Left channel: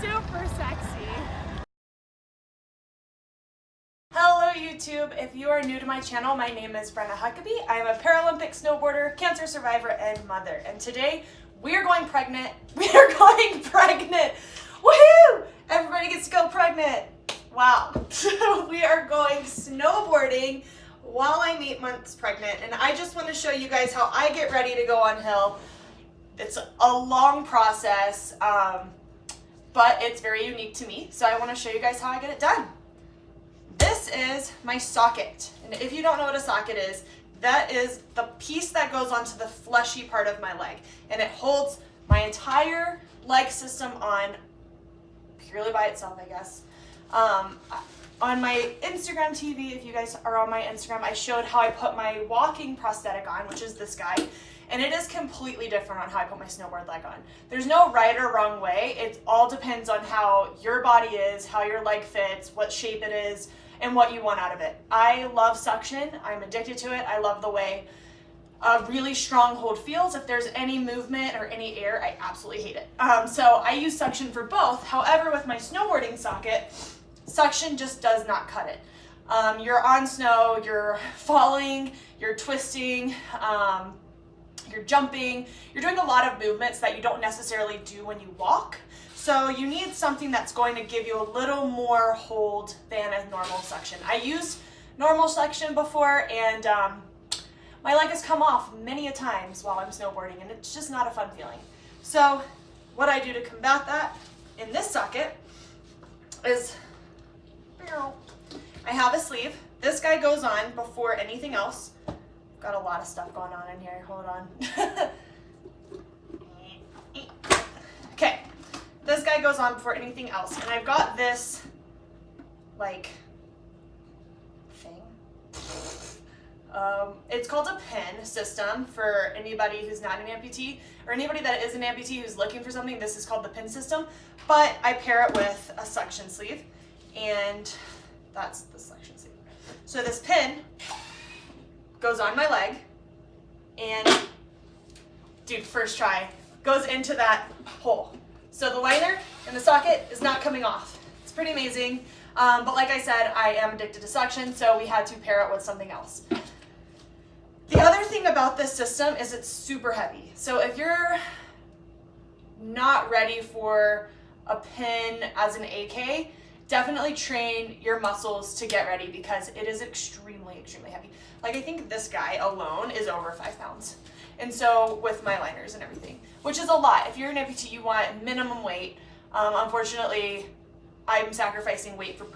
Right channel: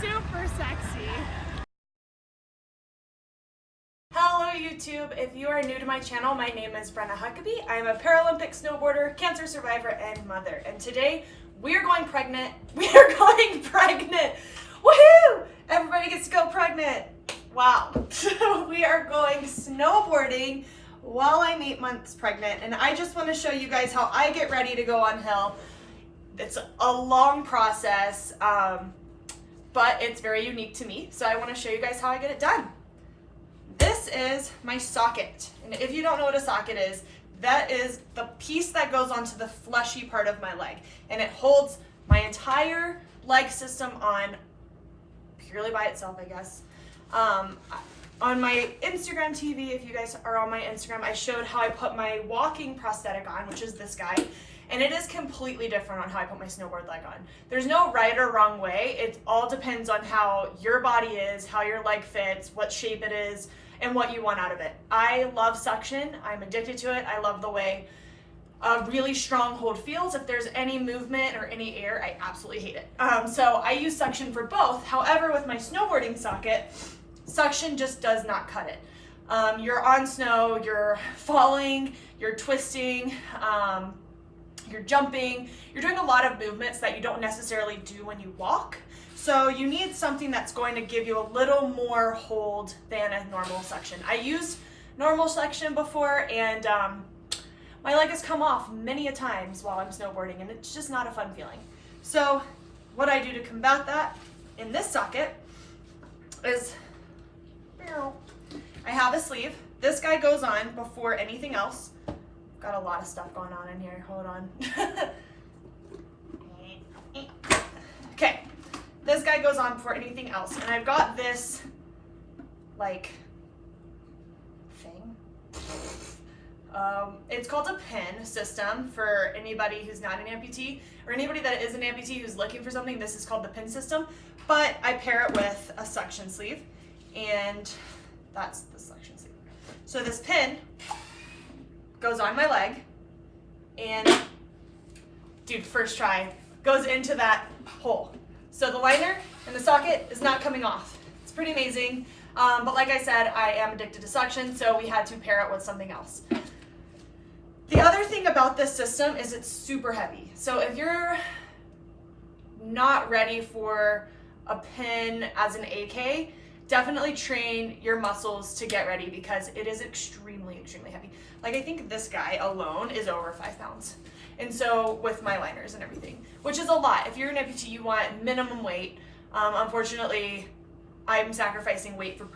super sexy. Hello YouTube, if you are new to my channel, my name is Brenna Huckaby. I am a Paralympic snowboarder, cancer survivor, and mother. And today, we're going pregnant. We are going pregnant! Woohoo! Everybody gets to go pregnant. Wow. We are going snowboarding while I'm 8 months pregnant. And I just want to show you guys how I get ready to go on hill. It's a long process, but it's very unique to me. So I want to show you guys how I get it done. This is my socket. And if you don't know what a socket is, that is the piece that goes onto the fleshy part of my leg. And it holds my entire leg system on purely by itself, I guess. On my Instagram TV, if you guys are on my Instagram, I showed how I put my walking prosthetic on, which is this guy. And it is completely different on how I put my snowboard leg on. There's no right or wrong way. It all depends on how your body is, how your leg fits, what shape it is, and what you want out of it. I love suction. I'm addicted to it. I love the way a really strong hold feels. If there's any movement or any air, I absolutely hate it. So I use suction for both. However, with my snowboarding socket, suction just does not cut it. You're on snow, you're falling, you're twisting, you're jumping, you're doing a lot of movements that you don't necessarily do when you walk. So you need something that's going to give you a little more hold than a normal suction. I used normal suction before, and my leg has come off many a times while I'm snowboarding, and it's just not a fun feeling. So what I do to combat that in this socket is I have a sleeve. This guy goes on before anything else. Got a lot of stuff going on in here. Hold on. Okay. This guy goes on before anything else. And I've got this, like, thing. It's called a pin system for anybody who's not an amputee, or anybody that is an amputee who's looking for something. This is called the pin system. But I pair it with a suction sleeve. And that's the suction sleeve. So this pin goes on my leg, and dude, first try, goes into that hole. So the liner in the socket is not coming off. It's pretty amazing. But like I said, I am addicted to suction, so we had to pair it with something else. The other thing about this system is it's super heavy. So if you're not ready for a pin as an AK, definitely train your muscles to get ready, because it is extremely, extremely heavy. Like, I think this guy alone is over 5 pounds. And so with my liners and everything, which is a lot. If you're an amputee, you want minimum weight. Unfortunately, I'm sacrificing weight for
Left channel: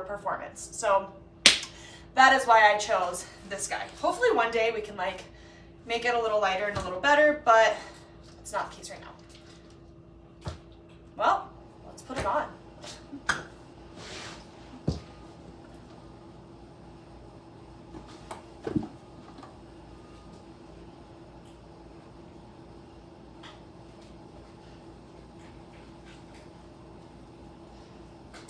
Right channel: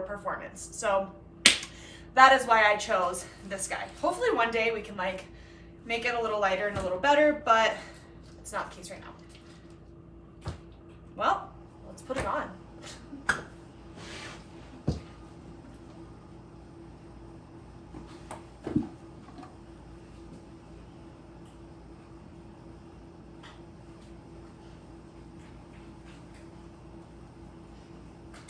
performance. So that is why I chose this guy. Hopefully one day we can like make it a little lighter and a little better, but it's not the case right now. Well, let's put it on.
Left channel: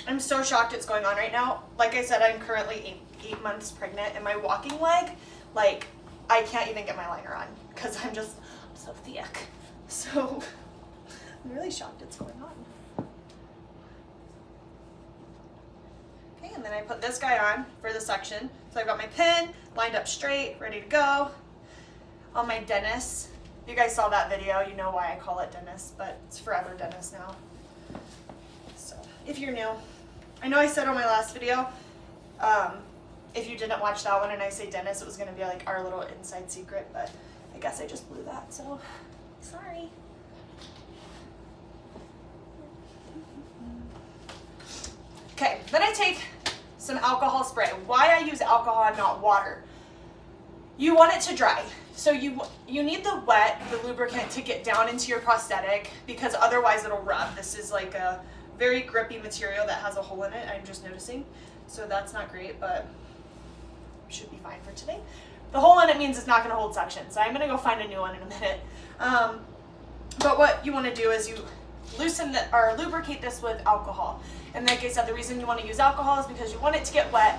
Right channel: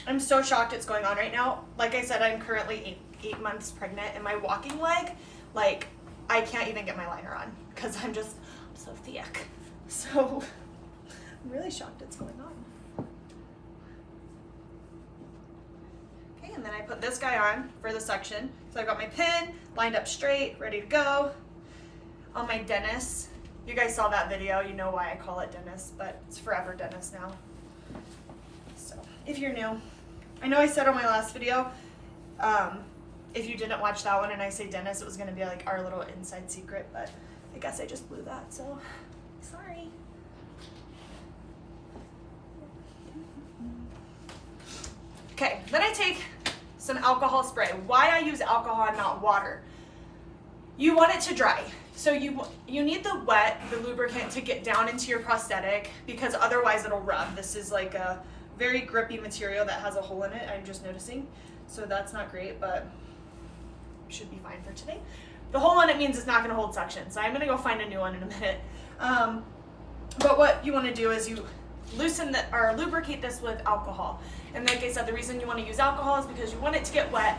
I'm so shocked it's going on right now. Like I said, I'm currently eight months pregnant, and my walking leg, like, I can't even get my liner on because I'm so thick. So I'm really shocked it's going on. Okay, and then I put this guy on for the suction. So I've got my pin lined up straight, ready to go. On my Dennis. You guys saw that video, you know why I call it Dennis, but it's forever Dennis now. So if you're new, I know I said on my last video, if you didn't watch that one and I say Dennis, it was gonna be like our little inside secret, but I guess I just blew that, so sorry. Okay, then I take some alcohol spray. Why I use alcohol and not water? You want it to dry. So you need the wet, the lubricant, to get down into your prosthetic, because otherwise it'll rub. This is like a very grippy material that has a hole in it, I'm just noticing. So that's not great, but should be fine for today. The hole in it means it's not gonna hold suction, so I'm gonna go find a new one in a minute. But what you wanna do is you loosen or lubricate this with alcohol. And like I said, the reason you wanna use alcohol is because you want it to get wet.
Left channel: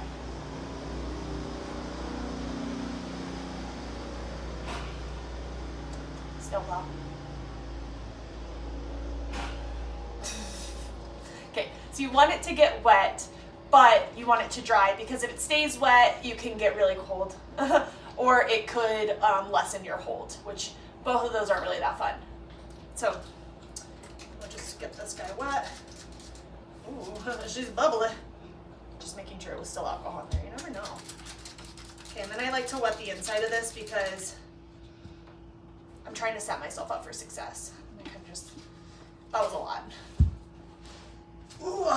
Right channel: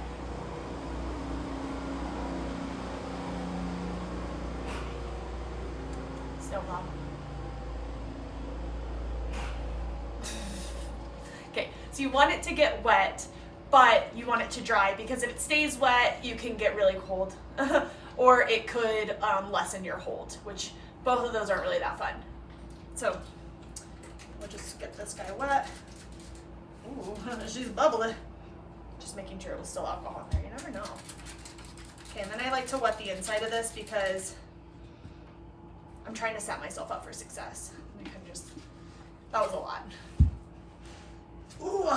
Snowplow. So you want it to get wet, but you want it to dry, because if it stays wet, you can get really cold. Or it could lessen your hold, which both of those aren't really that fun. So we'll just get this guy wet. Ooh, she's bubbly. Just making sure it was still alcohol in there, you never know. Okay, and then I like to wet the inside of this because I'm trying to set myself up for success. I think that was a lot. Ooh.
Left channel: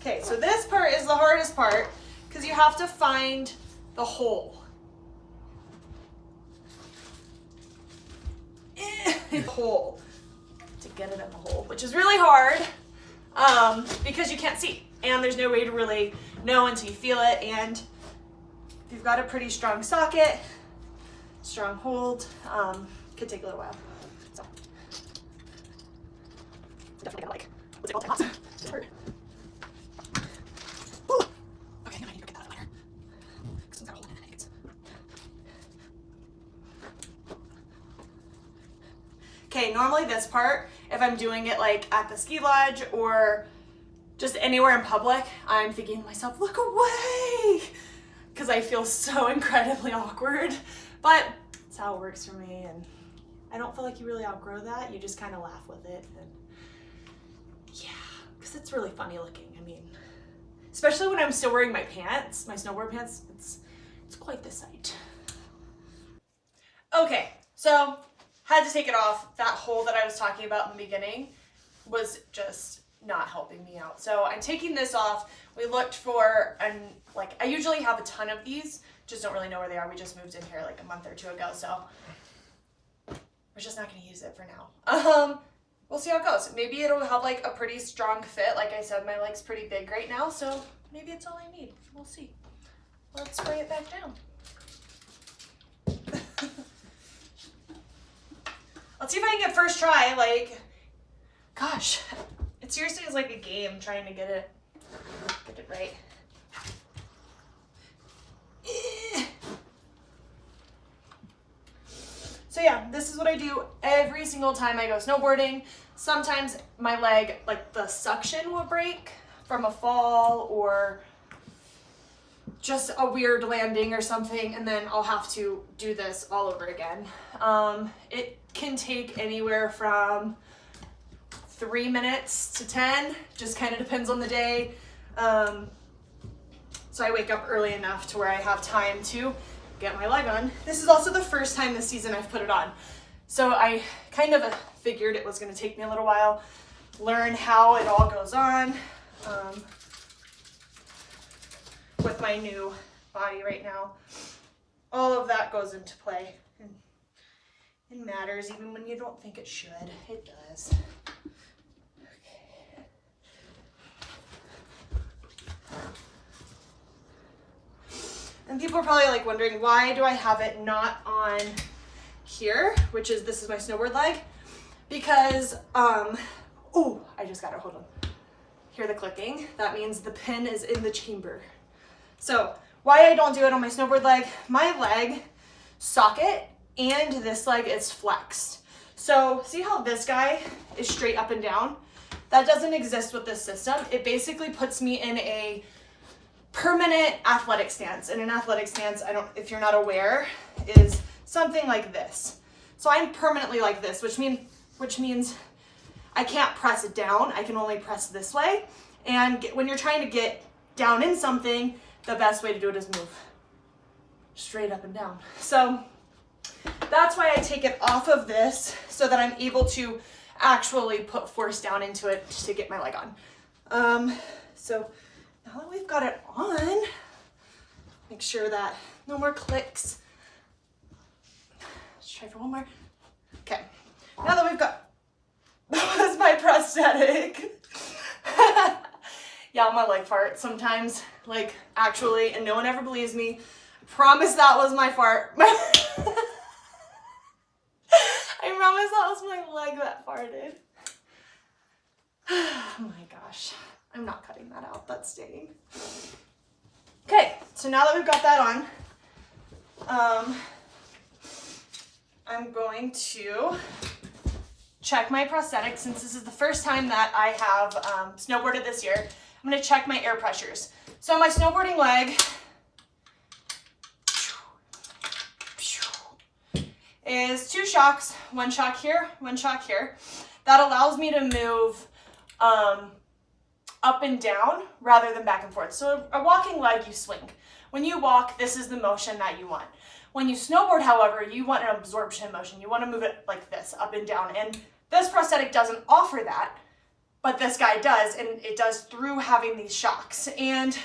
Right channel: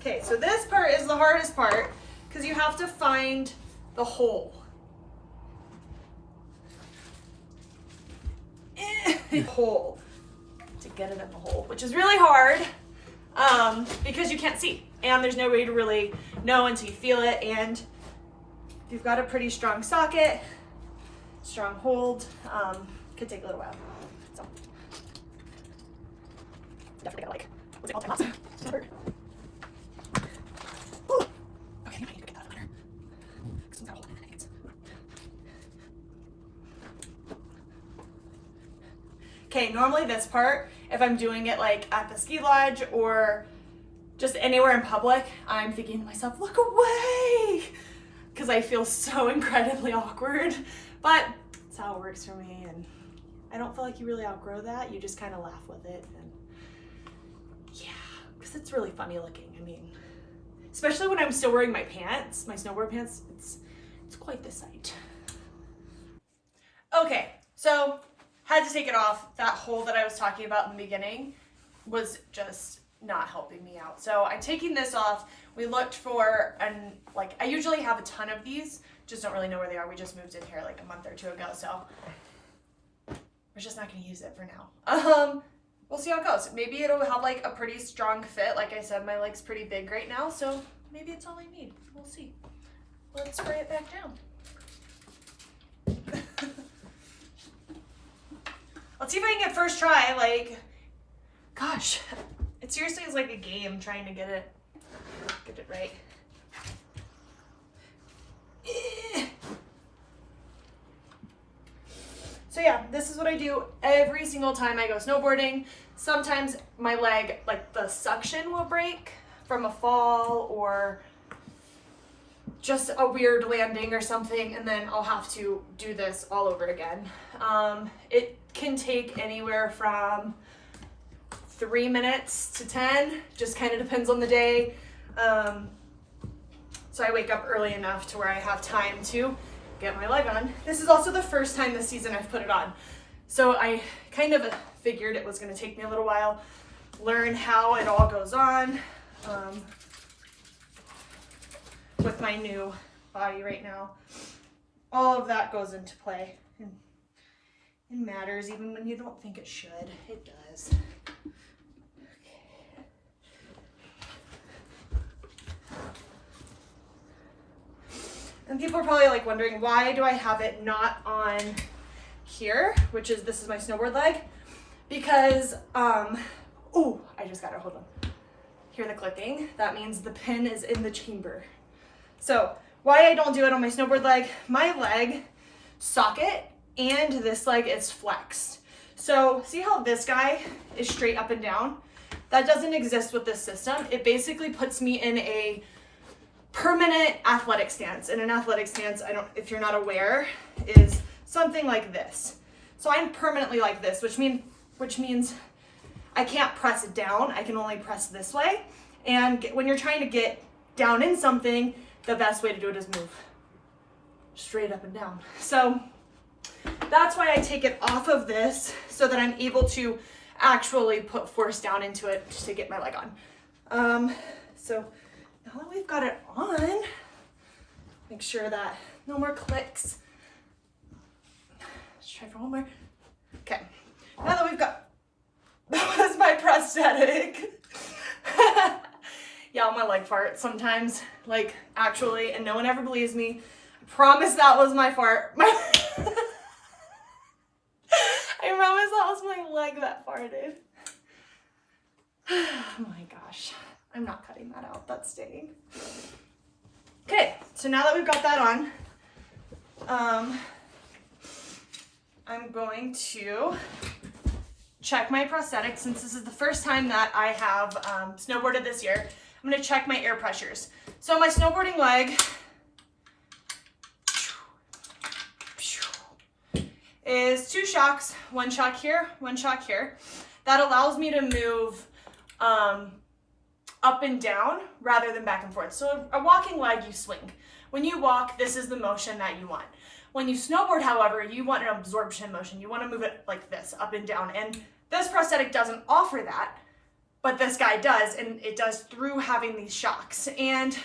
Okay, so this part is the hardest part because you have to find the hole. Hole to get it in the hole, which is really hard because you can't see and there's no way to really know until you feel it. And if you've got a pretty strong socket, strong hold, could take a little while. So definitely gotta what's it called? It's hurt. Ooh. Okay, I need to get that out of there. It's got a hole in it. Okay, normally this part, if I'm doing it like at the ski lodge or just anywhere in public, I'm thinking to myself, look away, because I feel so incredibly awkward. But that's how it works for me, and I don't feel like you really outgrow that. You just kind of laugh with it, and yeah, because it's really funny looking. I mean, especially when I'm still wearing my pants, my snowboard pants, it's quite the sight. Okay, so had to take it off. That hole that I was talking about in the beginning was just not helping me out. So I'm taking this off. We looked for, I usually have a ton of these, just don't really know where they are. We just moved in here like a month or two ago, so we're just not gonna use it for now. We'll see how it goes. Maybe it'll have like a pretty strong fit. Like I said, my leg's pretty big right now, so maybe it's all I need. We'll see. Let's spray it back down. Let's see if I can get first try. Like, gosh, it seriously is like a game trying to get it right. So yeah, this is what I do every single time I go snowboarding. Sometimes my leg, like the suction will break from a fall or just a weird landing or something, and then I'll have to do this all over again. It can take anywhere from 3 minutes to 10, just kind of depends on the day. So I wake up early enough to where I have time to get my leg on. This is also the first time this season I've put it on. So I kind of figured it was gonna take me a little while, learn how it all goes on with my new body right now. All of that goes into play. It matters even when you don't think it should. It does. And people are probably like wondering, why do I have it not on here, this is my snowboard leg? Because, ooh, I just got it, hold on. Hear the clicking? That means the pin is in the chamber. So why I don't do it on my snowboard leg, my leg socket and this leg is flexed. So see how this guy is straight up and down? That doesn't exist with this system. It basically puts me in a permanent athletic stance. And an athletic stance, if you're not aware, is something like this. So I'm permanently like this, which means I can't press it down. I can only press this way. And when you're trying to get down in something, the best way to do it is move straight up and down. So that's why I take it off of this, so that I'm able to actually put force down into it to get my leg on. So now that we've got it on, make sure that no more clicks. Let's try for one more. Okay, now that we've got, that was my prosthetic. Yeah, my leg fart sometimes, like actually, and no one ever believes me. Promise that was my fart. I promise that was my leg that farted. Oh my gosh. I'm not cutting that out. That's staying. Okay, so now that we've got that on, I'm going to check my prosthetic since this is the first time that I have snowboarded this year. I'm going to check my air pressures. So my snowboarding leg is 2 shocks, 1 shock here, 1 shock here. That allows me to move up and down rather than back and forth. So a walking leg, you swing. When you walk, this is the motion that you want. When you snowboard, however, you want an absorption motion. You want to move it like this, up and down. And this prosthetic doesn't offer that, but this guy does, and it does through having these shocks. And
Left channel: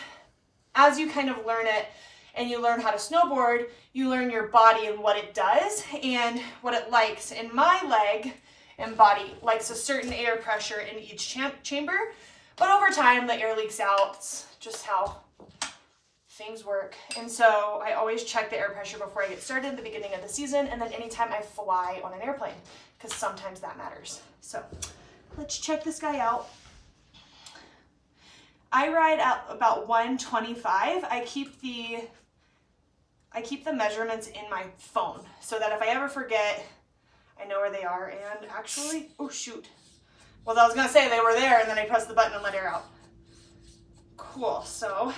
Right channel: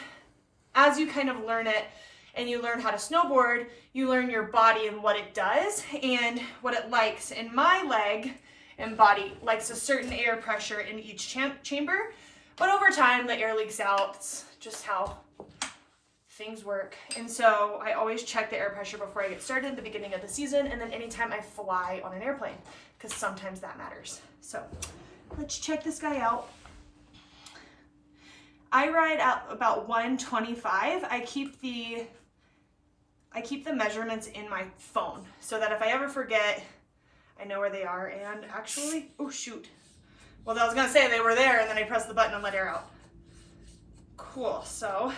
as you kind of learn it and you learn how to snowboard, you learn your body and what it does and what it likes. And my leg and body likes a certain air pressure in each chamber, but over time the air leaks out. It's just how things work. And so I always check the air pressure before I get started at the beginning of the season, and then anytime I fly on an airplane, because sometimes that matters. So let's check this guy out. I ride at about 125. I keep the measurements in my phone so that if I ever forget, I know where they are. And actually, oh shoot. Well, I was gonna say they were there, and then I pressed the button and let air out. Cool, so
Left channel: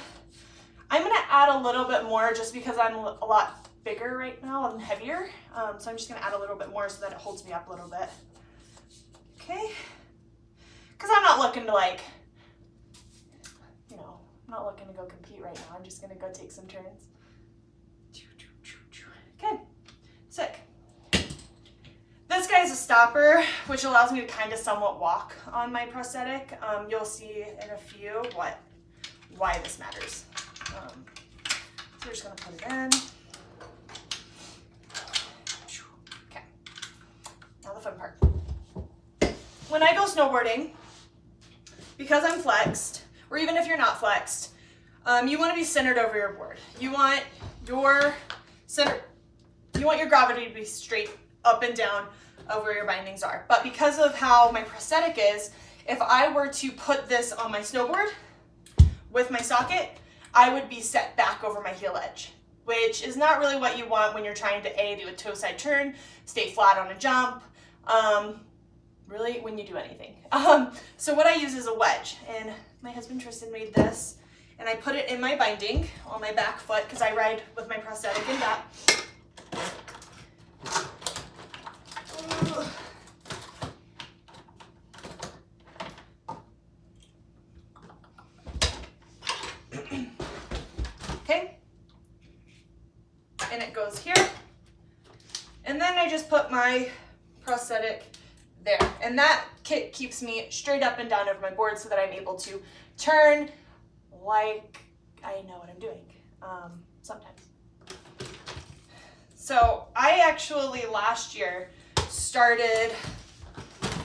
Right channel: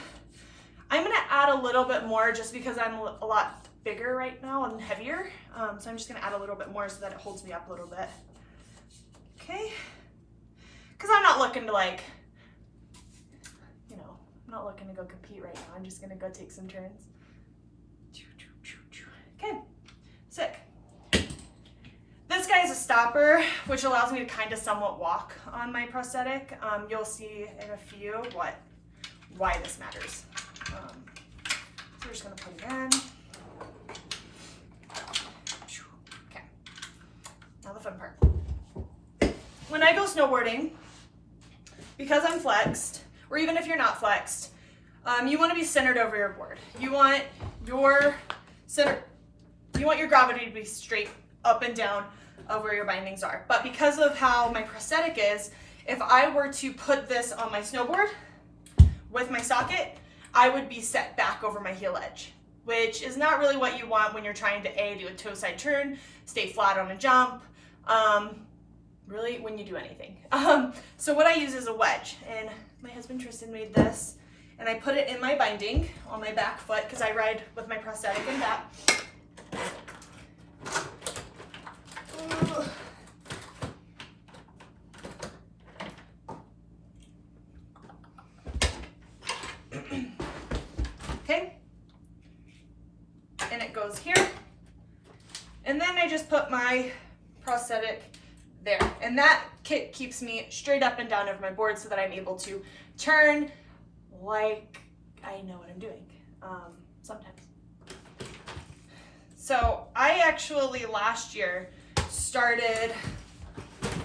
I'm gonna add a little bit more just because I'm a lot bigger right now and heavier. So I'm just gonna add a little bit more so that it holds me up a little bit. Okay, because I'm not looking to I'm not looking to go compete right now. I'm just gonna go take some turns. Okay, sick. This guy's a stopper, which allows me to kind of somewhat walk on my prosthetic. You'll see in a few why this matters. So we're just gonna put it in. Okay, now the fun part. When I go snowboarding, because I'm flexed, or even if you're not flexed, you want to be centered over your board. You want your gravity to be straight up and down of where your bindings are. But because of how my prosthetic is, if I were to put this on my snowboard with my socket, I would be set back over my heel edge, which is not really what you want when you're trying to do a toe side turn, stay flat on a jump, really when you do anything. So what I use is a wedge, and my husband Tristan made this, and I put it in my binding on my back foot because I ride with my prosthetic in that. Okay, and it goes here, and then I just put my prosthetic there, and that kit keeps me straight up and down over my board so that I'm able to turn like I know what I'm doing sometimes. So I actually last year started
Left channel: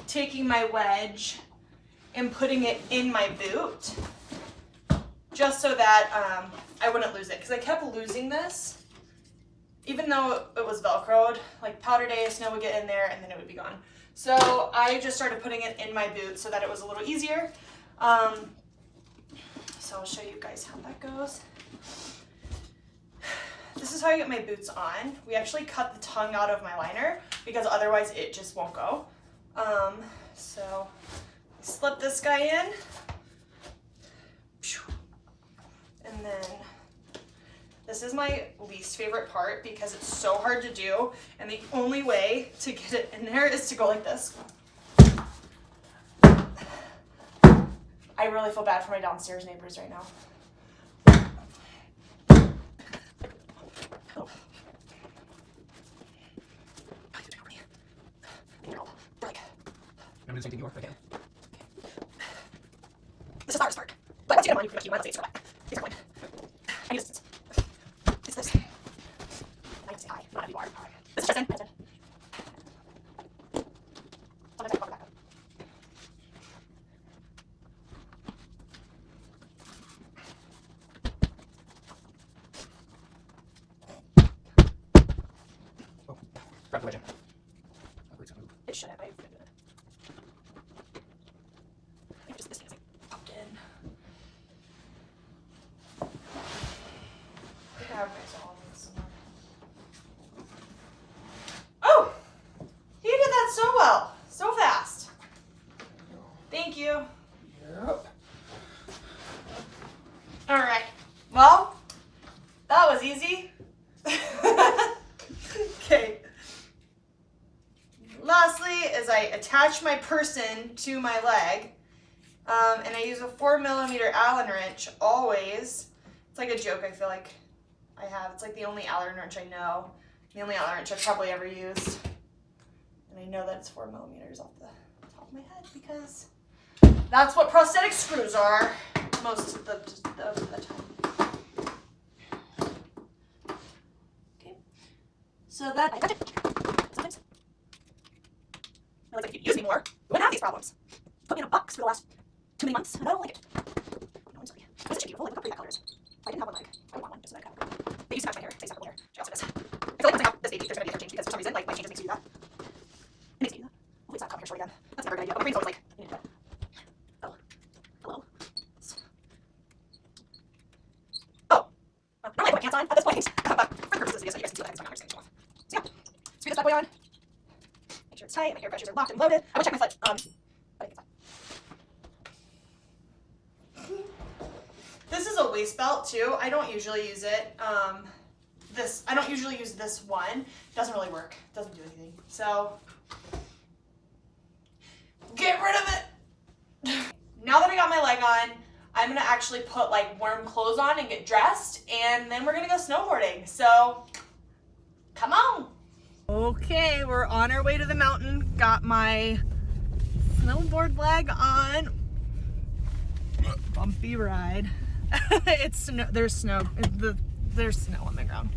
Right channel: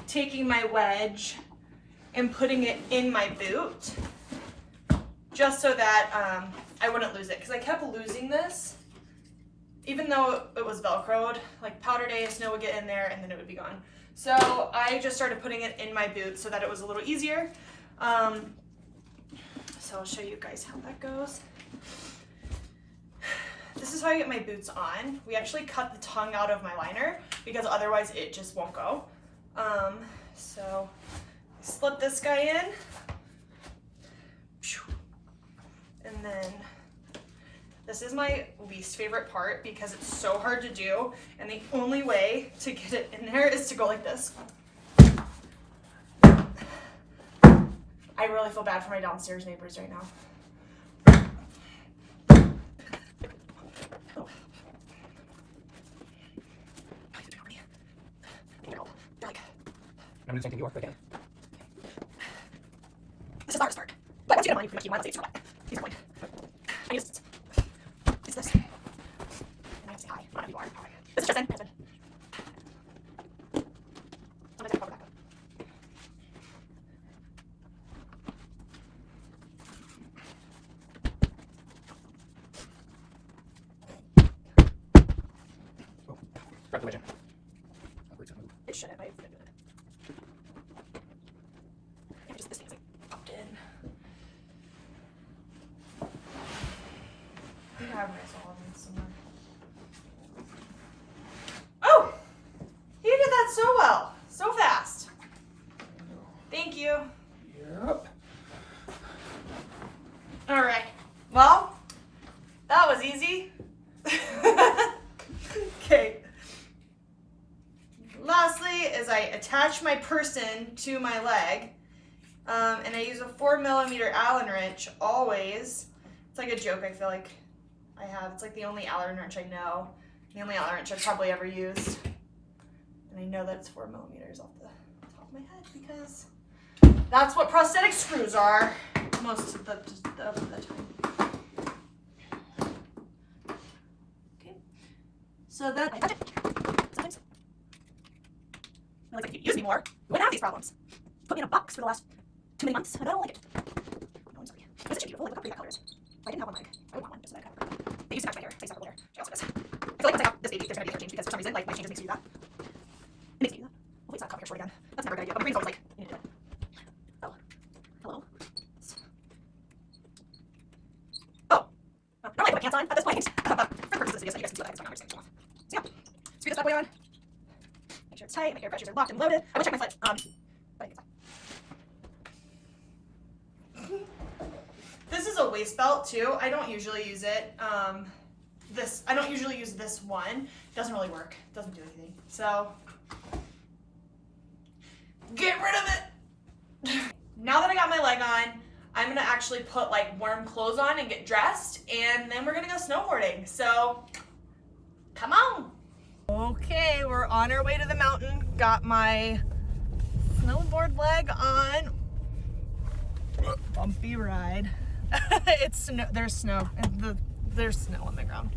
taking my wedge and putting it in my boot just so that I wouldn't lose it, because I kept losing this even though it was Velcroed. Like powder day, snow would get in there and then it would be gone. So I just started putting it in my boot so that it was a little easier. So I'll show you guys how that goes. This is how I get my boots on. We actually cut the tongue out of my liner because otherwise it just won't go. So I slip this guy in, and then this is my least favorite part because it's so hard to do, and the only way to get it in there is to go like this. I really feel bad for my downstairs neighbors right now. I'm just going to okay. This is the hardest part. But once you get them on, you can keep mine. Let's say it's for that. Here's the point. I need assistance. It's this. And I have to say hi. Not who you are. This is Tristan. Sometimes I can cover back up. Oh, grab the wedge in. It shouldn't. I forget it. Yeah, just this thing's like popped in. I have my saw on somewhere. Oh! so well, so fast. Thank you. Yep. All right, well, that was easy. Okay. Lastly is I attach my person to my leg, and I use a 4mm Allen wrench always. It's like a joke I feel like I have. It's like the only Allen wrench I know, the only Allen wrench I've probably ever used. And I know that it's 4mm off the top of my head because that's what prosthetic screws are most of the time. Okay, so that sometimes I like, if you use me more, you wouldn't have these problems. Put me in a box for the last too many months, and I don't like it. No, I'm sorry. This is beautiful. Look how pretty that color is. If I didn't have one leg, I would want one just so that I could have a They used to match my hair. I used to have a hair. She also does. I feel like once I have this baby, there's gonna be a change because for some reason, like, my changes makes you do that. It makes me do that. Hopefully it's not coming short again. That's never a good idea. But my brain's always like, you need to do that. Oh. Hello. Oh. Normally I put my pants on at this point. But for the purposes of this video, so you guys can see what that is going on. So yeah. Screw this bad boy on. Make sure it's tight. My hair brushes are locked and loaded. I would check my foot. But I think it's fine. This is a waist belt too. I don't usually use it. I don't usually use this one. It doesn't really work. It doesn't do anything. So get rid of it. Now that I got my leg on, I'm gonna actually put like warm clothes on and get dressed, and then we're gonna go snowboarding. So come on. Okay, we're on our way to the mountain. Got my snowboard leg on. Bumpy ride. There's snow on the ground,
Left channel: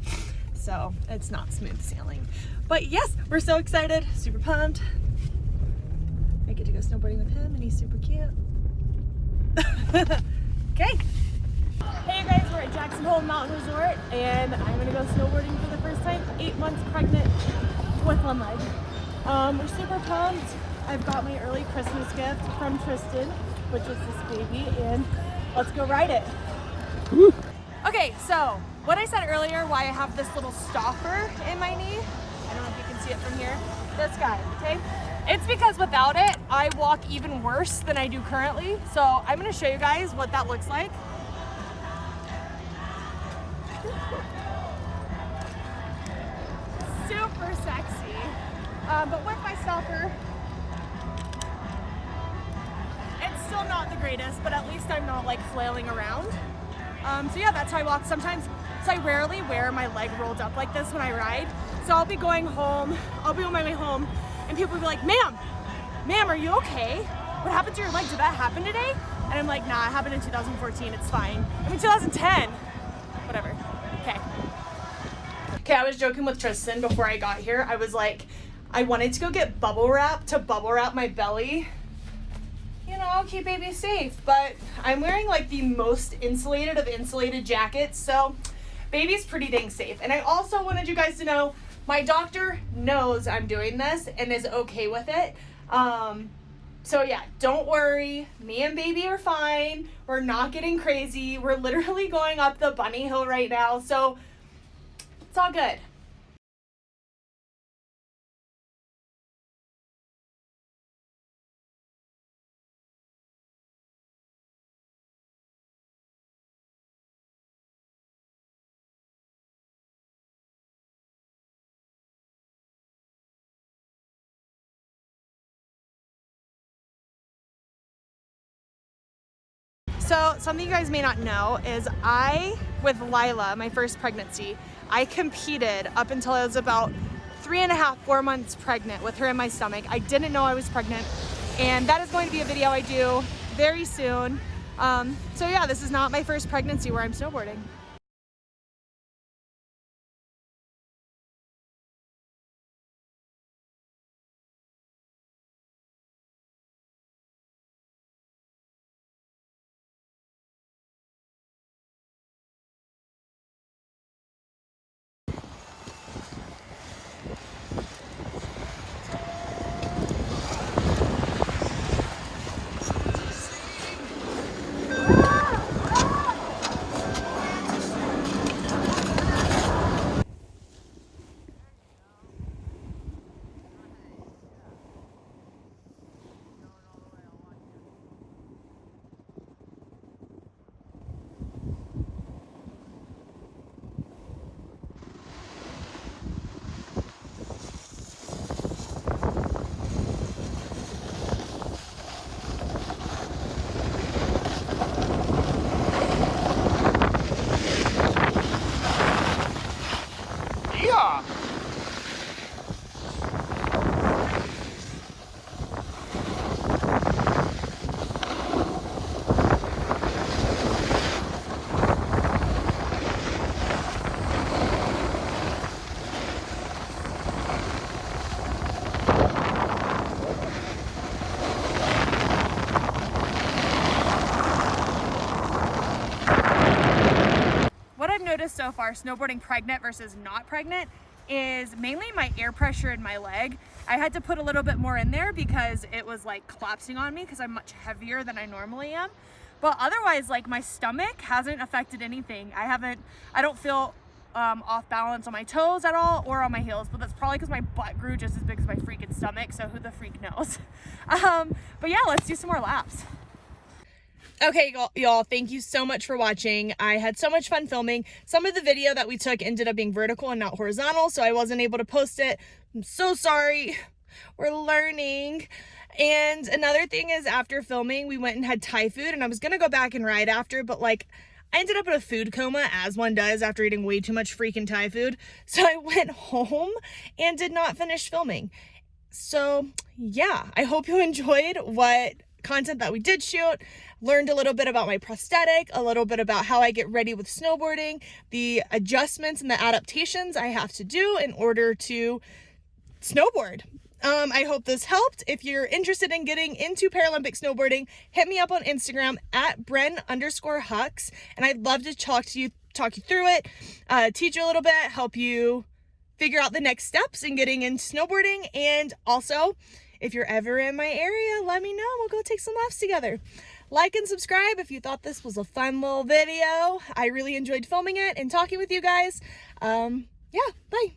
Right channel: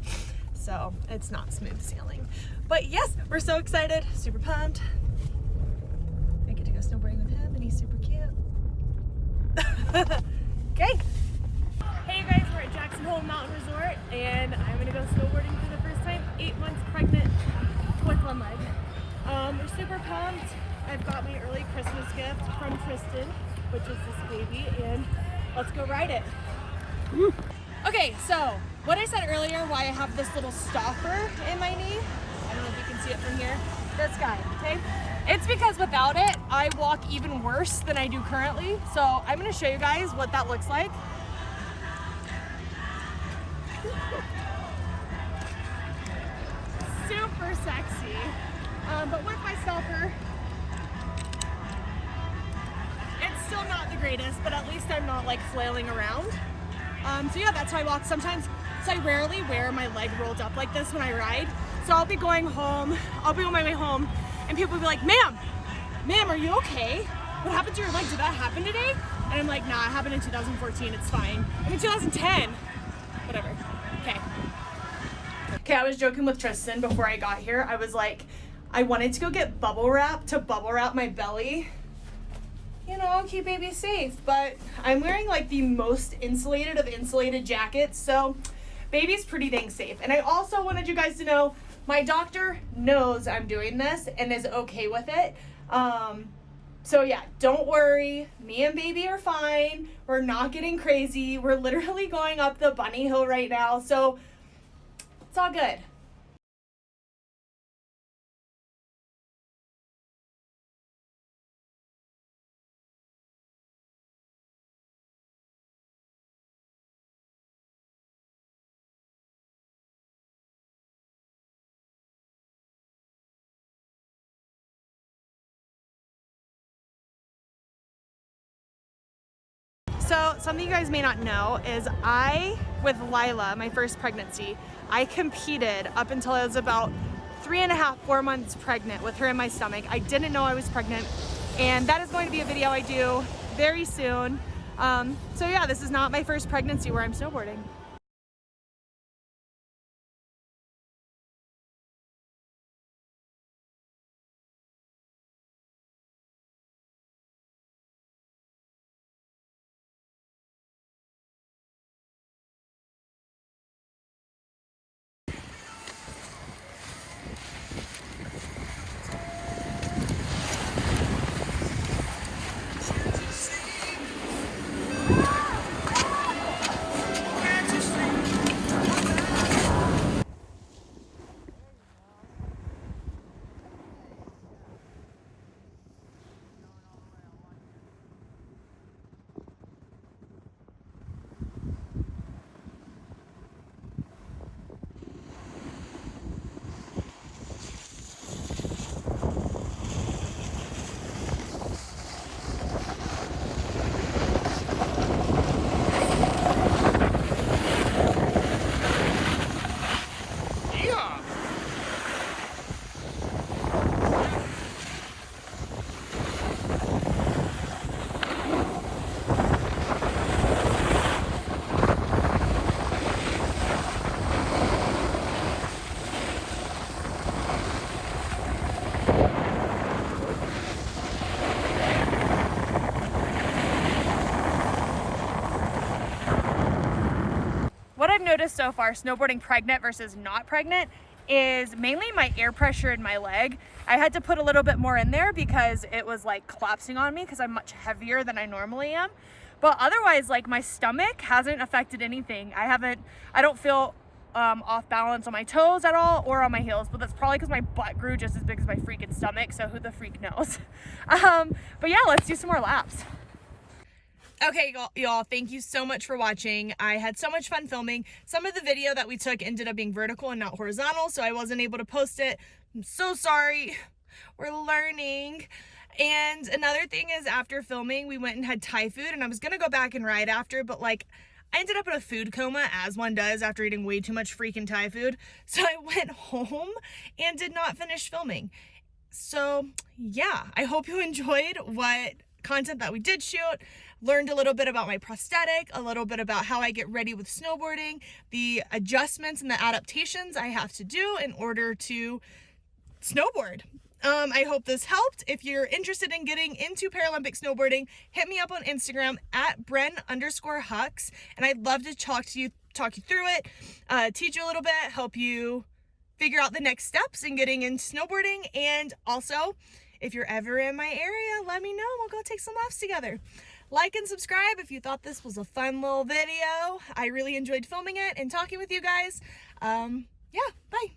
so it's not smooth sailing. But yes, we're so excited, super pumped. I get to go snowboarding with him, and he's super cute. Okay. Hey you guys, we're at Jackson Hole Mountain Resort, and I'm gonna go snowboarding for the first time. 8 months pregnant with one leg. We're super pumped. I've got my early Christmas gift from Tristan, which is this baby, and let's go ride it. Woo. Okay, so what I said earlier, why I have this little stopper in my knee, I don't know if you can see it from here, this guy, okay? It's because without it, I walk even worse than I do currently. So I'm gonna show you guys what that looks like. Super sexy, but with my stopper, it's still not the greatest, but at least I'm not like flailing around. So yeah, that's how I walk sometimes. So I rarely wear my leg rolled up like this when I ride. So I'll be going home, I'll be on my way home, and people will be like, ma'am, are you okay? What happened to your leg? Did that happen today? And I'm like, nah, it happened in 2014, it's fine. I mean, 2010, whatever, okay. Okay, I was joking with Tristan before I got here. I was like, I wanted to go get bubble wrap to bubble wrap my belly. You know, keep baby safe, but I'm wearing like the most insulated of insulated jackets, so baby's pretty dang safe. And I also wanted you guys to know, my doctor knows I'm doing this and is okay with it. So yeah, don't worry, me and baby are fine. We're not getting crazy. We're literally going up the bunny hill right now, so it's all good. So something you guys may not know is with Lila, my first pregnancy, I competed up until I was about 3.5, 4 months pregnant with her in my stomach. I didn't know I was pregnant, and that is going to be a video I do very soon. So yeah, this is not my first pregnancy where I'm snowboarding. noticed so far, snowboarding pregnant versus not pregnant, is mainly my air pressure in my leg. I had to put a little bit more in there because it was like collapsing on me because I'm much heavier than I normally am. But otherwise, like my stomach hasn't affected anything. I don't feel off balance on my toes at all or on my heels, but that's probably because my butt grew just as big as my freaking stomach, so who the freak knows. But yeah, let's do some more laps. Okay, y'all, thank you so much for watching. I had so much fun filming. Some of the video that we took ended up being vertical and not horizontal, so I wasn't able to post it. I'm so sorry. We're learning. And another thing is, after filming, we went and had Thai food, and I was gonna go back and ride after, but like, I ended up in a food coma, as one does after eating way too much freaking Thai food. So I went home and did not finish filming. So yeah, I hope you enjoyed what content that we did shoot. Learned a little bit about my prosthetic, a little bit about how I get ready with snowboarding, the adjustments and the adaptations I have to do in order to snowboard. I hope this helped. If you're interested in getting into Paralympic snowboarding, hit me up on Instagram at Bren_Hucks, and I'd love to talk you through it, teach you a little bit, help you figure out the next steps in getting into snowboarding. And also, if you're ever in my area, let me know. We'll go take some laughs together. Like and subscribe if you thought this was a fun little video. I really enjoyed filming it and talking with you guys. Yeah, bye.